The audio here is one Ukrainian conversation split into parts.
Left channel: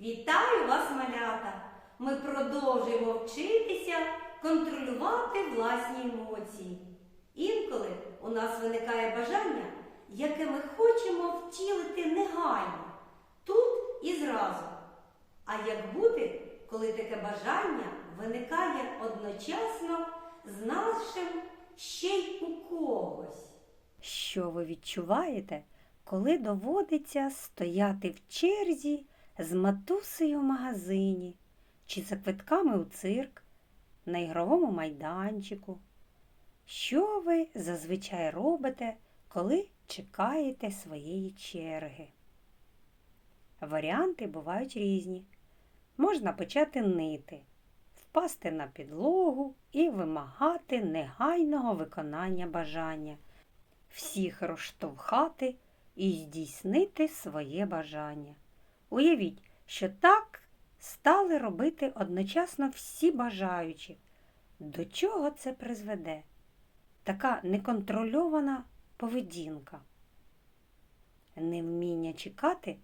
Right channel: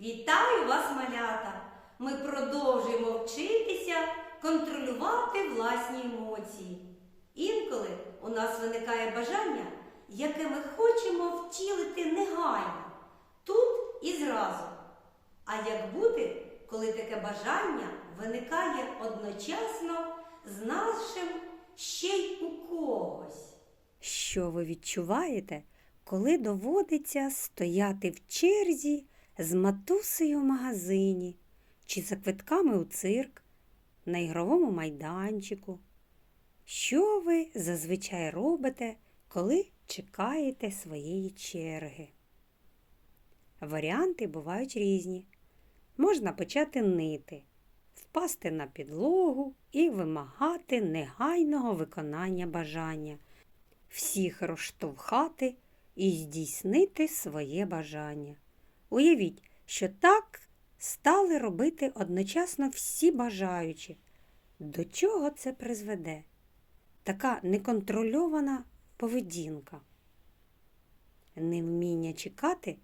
Вітаю вас, малята! Ми продовжуємо вчитися контролювати власні емоції. Інколи у нас виникає бажання, яке ми хочемо втілити негайно, тут і зразу. А як бути, коли таке бажання виникає одночасно з нашим ще й у когось? Що ви відчуваєте, коли доводиться стояти в черзі з матусею в магазині чи за квитками у цирк, на ігровому майданчику? Що ви зазвичай робите, коли чекаєте своєї черги? Варіанти бувають різні. Можна почати нити, впасти на підлогу і вимагати негайного виконання бажання всіх розштовхати і здійснити своє бажання. Уявіть, що так стали робити одночасно всі бажаючі. До чого це призведе? Така неконтрольована поведінка. Невміння чекати,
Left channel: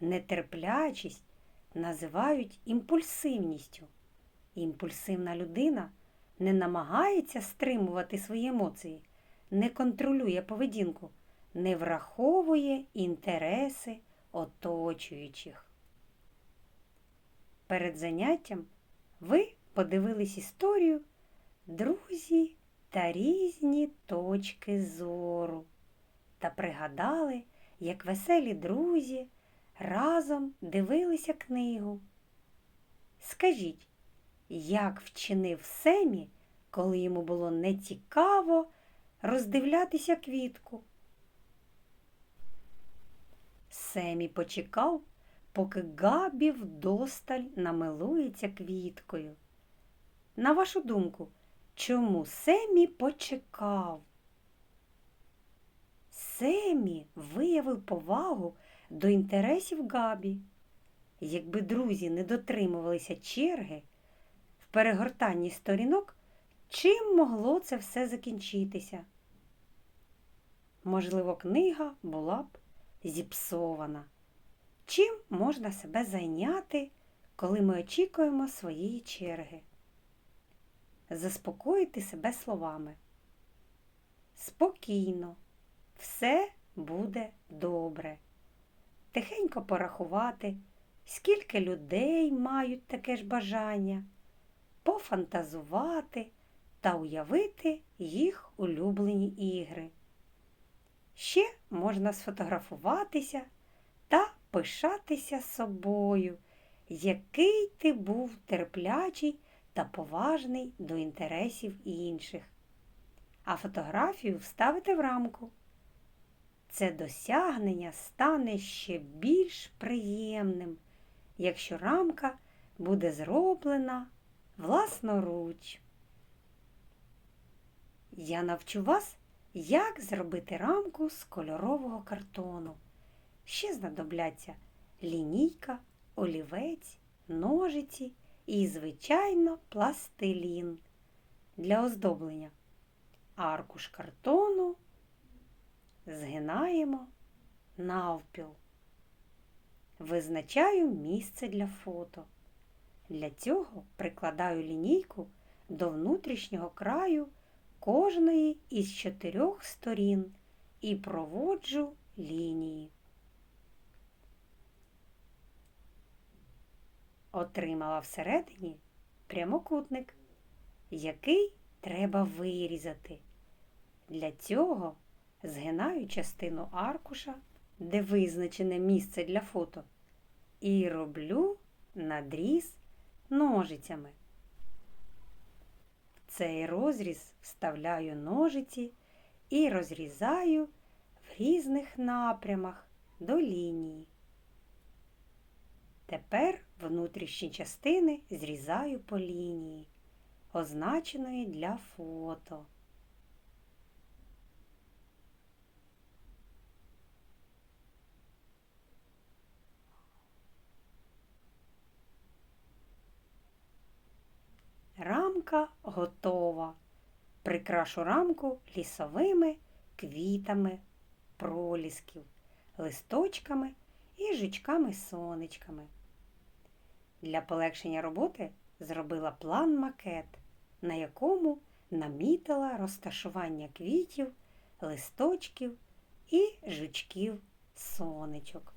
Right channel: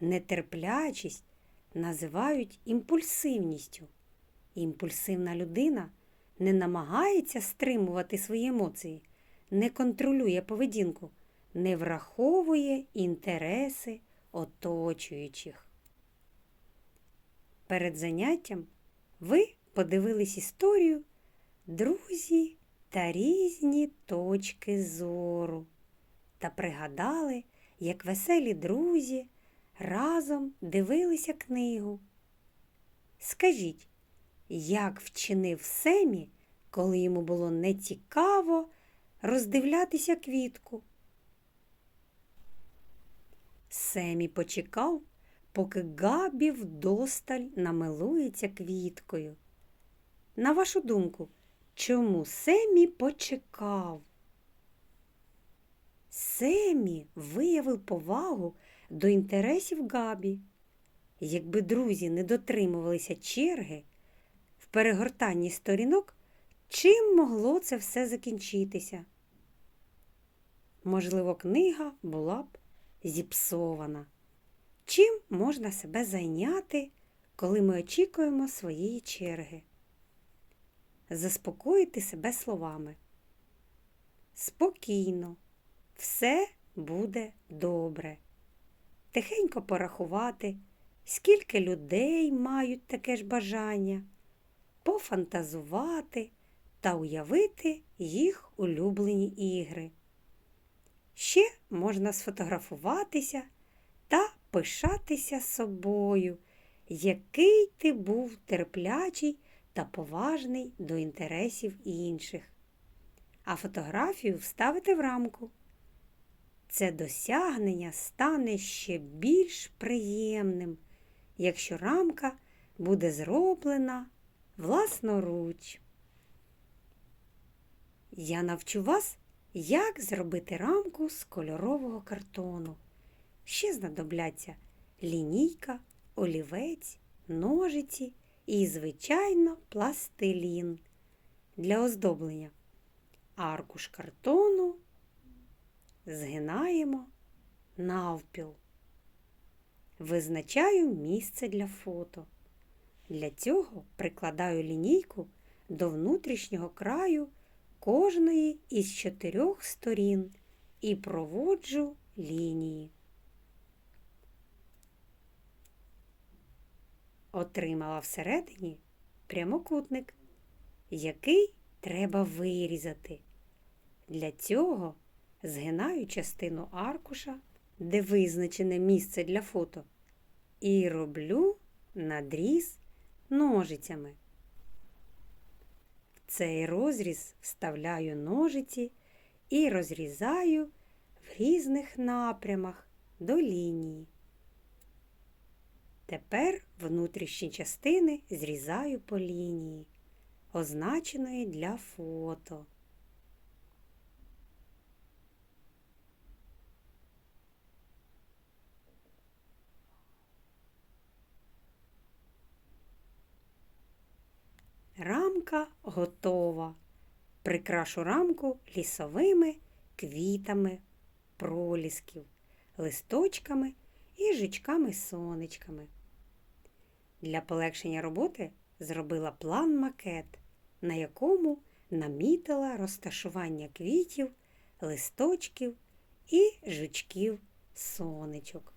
нетерплячість називають імпульсивністю. Імпульсивна людина не намагається стримувати свої емоції не контролює поведінку, не враховує інтереси оточуючих. Перед заняттям ви подивились історію друзі та різні точки зору та пригадали, як веселі друзі разом дивилися книгу. Скажіть, як вчинив Семі, коли йому було нецікаво роздивлятися квітку. Семі почекав, поки Габі вдосталь намилується квіткою. На вашу думку, чому Семі почекав? Семі виявив повагу до інтересів Габі. Якби друзі не дотримувалися черги в перегортанні сторінок, чим могло це все закінчитися? Можливо, книга була б зіпсована. Чим можна себе зайняти, коли ми очікуємо своєї черги? Заспокоїти себе словами. Спокійно, все буде добре. Тихенько порахувати, скільки людей мають таке ж бажання, пофантазувати та уявити їх улюблені ігри. Можна сфотографуватися та пишатися собою, який ти був терплячий та поважний до інтересів інших. А фотографію вставити в рамку. Це досягнення стане ще більш приємним, якщо рамка буде зроблена власноруч. Я навчу вас, як зробити рамку з кольорового картону. Ще знадобляться лінійка, олівець, ножиці і, звичайно, пластилін для оздоблення. Аркуш картону згинаємо навпіл. Визначаю місце для фото. Для цього прикладаю лінійку до внутрішнього краю кожної із чотирьох сторін і проводжу лінії. Отримала всередині прямокутник, який треба вирізати. Для цього згинаю частину аркуша, де визначене місце для фото, і роблю надріз ножицями. Цей розріз вставляю ножиці і розрізаю в різних напрямах до лінії. Тепер внутрішні частини зрізаю по лінії, означеної для фото. Рамка готова. Прикрашу рамку лісовими квітами пролісків, листочками і жучками сонечками. Для полегшення роботи зробила план-макет, на якому намітила розташування квітів, листочків і жучків сонечок.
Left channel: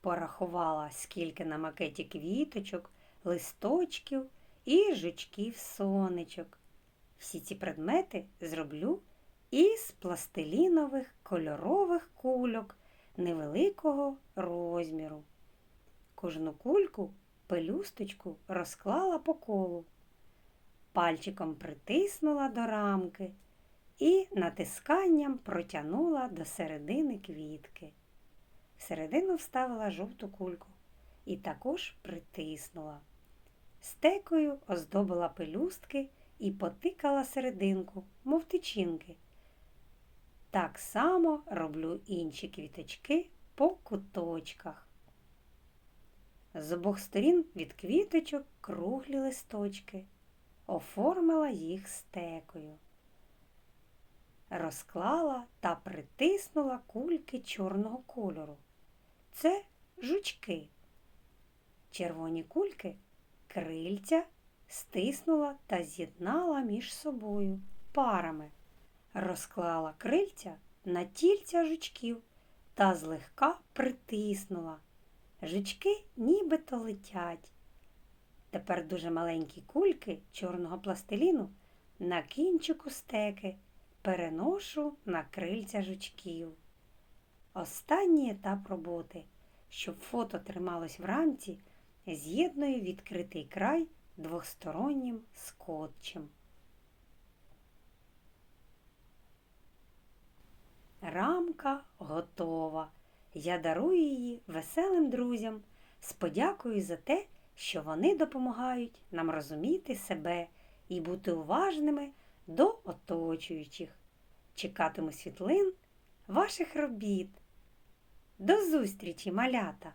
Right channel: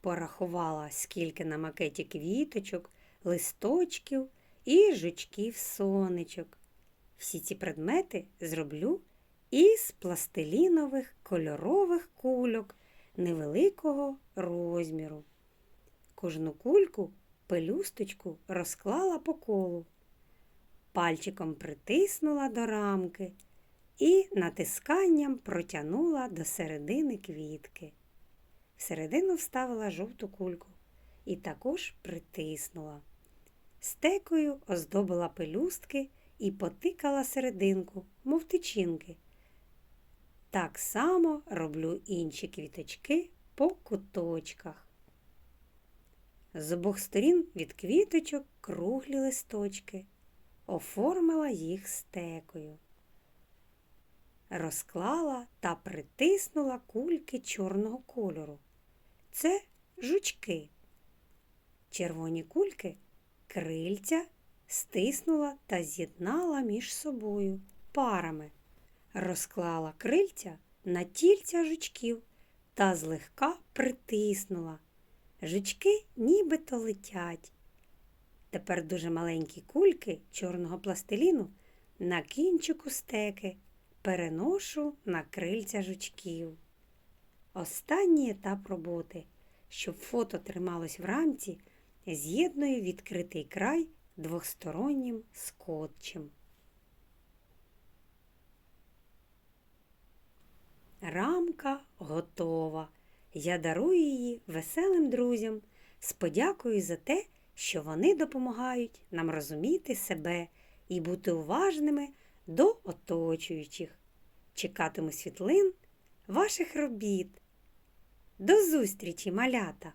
Порахувала, скільки на макеті квіточок, листочків і жучків сонечок. Всі ці предмети зроблю із пластилінових кольорових кульок невеликого розміру. Кожну кульку пелюсточку розклала по колу, пальчиком притиснула до рамки і натисканням протягнула до середини квітки. Всередину вставила жовту кульку і також притиснула. Стекою оздобила пелюстки і потикала серединку, мов тичинки. Так само роблю інші квіточки по куточках. З обох сторін від квіточок круглі листочки, оформила їх стекою. Розклала та притиснула кульки чорного кольору. Це жучки. Червоні кульки крильця стиснула та з'єднала між собою парами. Розклала крильця на тільця жучків та злегка притиснула. Жучки нібито летять. Тепер дуже маленькі кульки чорного пластиліну на кінчику стеки переношу на крильця жучків. Останній етап роботи, щоб фото трималось в рамці, з'єдную відкритий край двостороннім скотчем. Рамка готова. Я дарую її веселим друзям з подякою за те, що вони допомагають нам розуміти себе і бути уважними до оточуючих. Чекатиму світлин ваших робіт. До зустрічі, малята!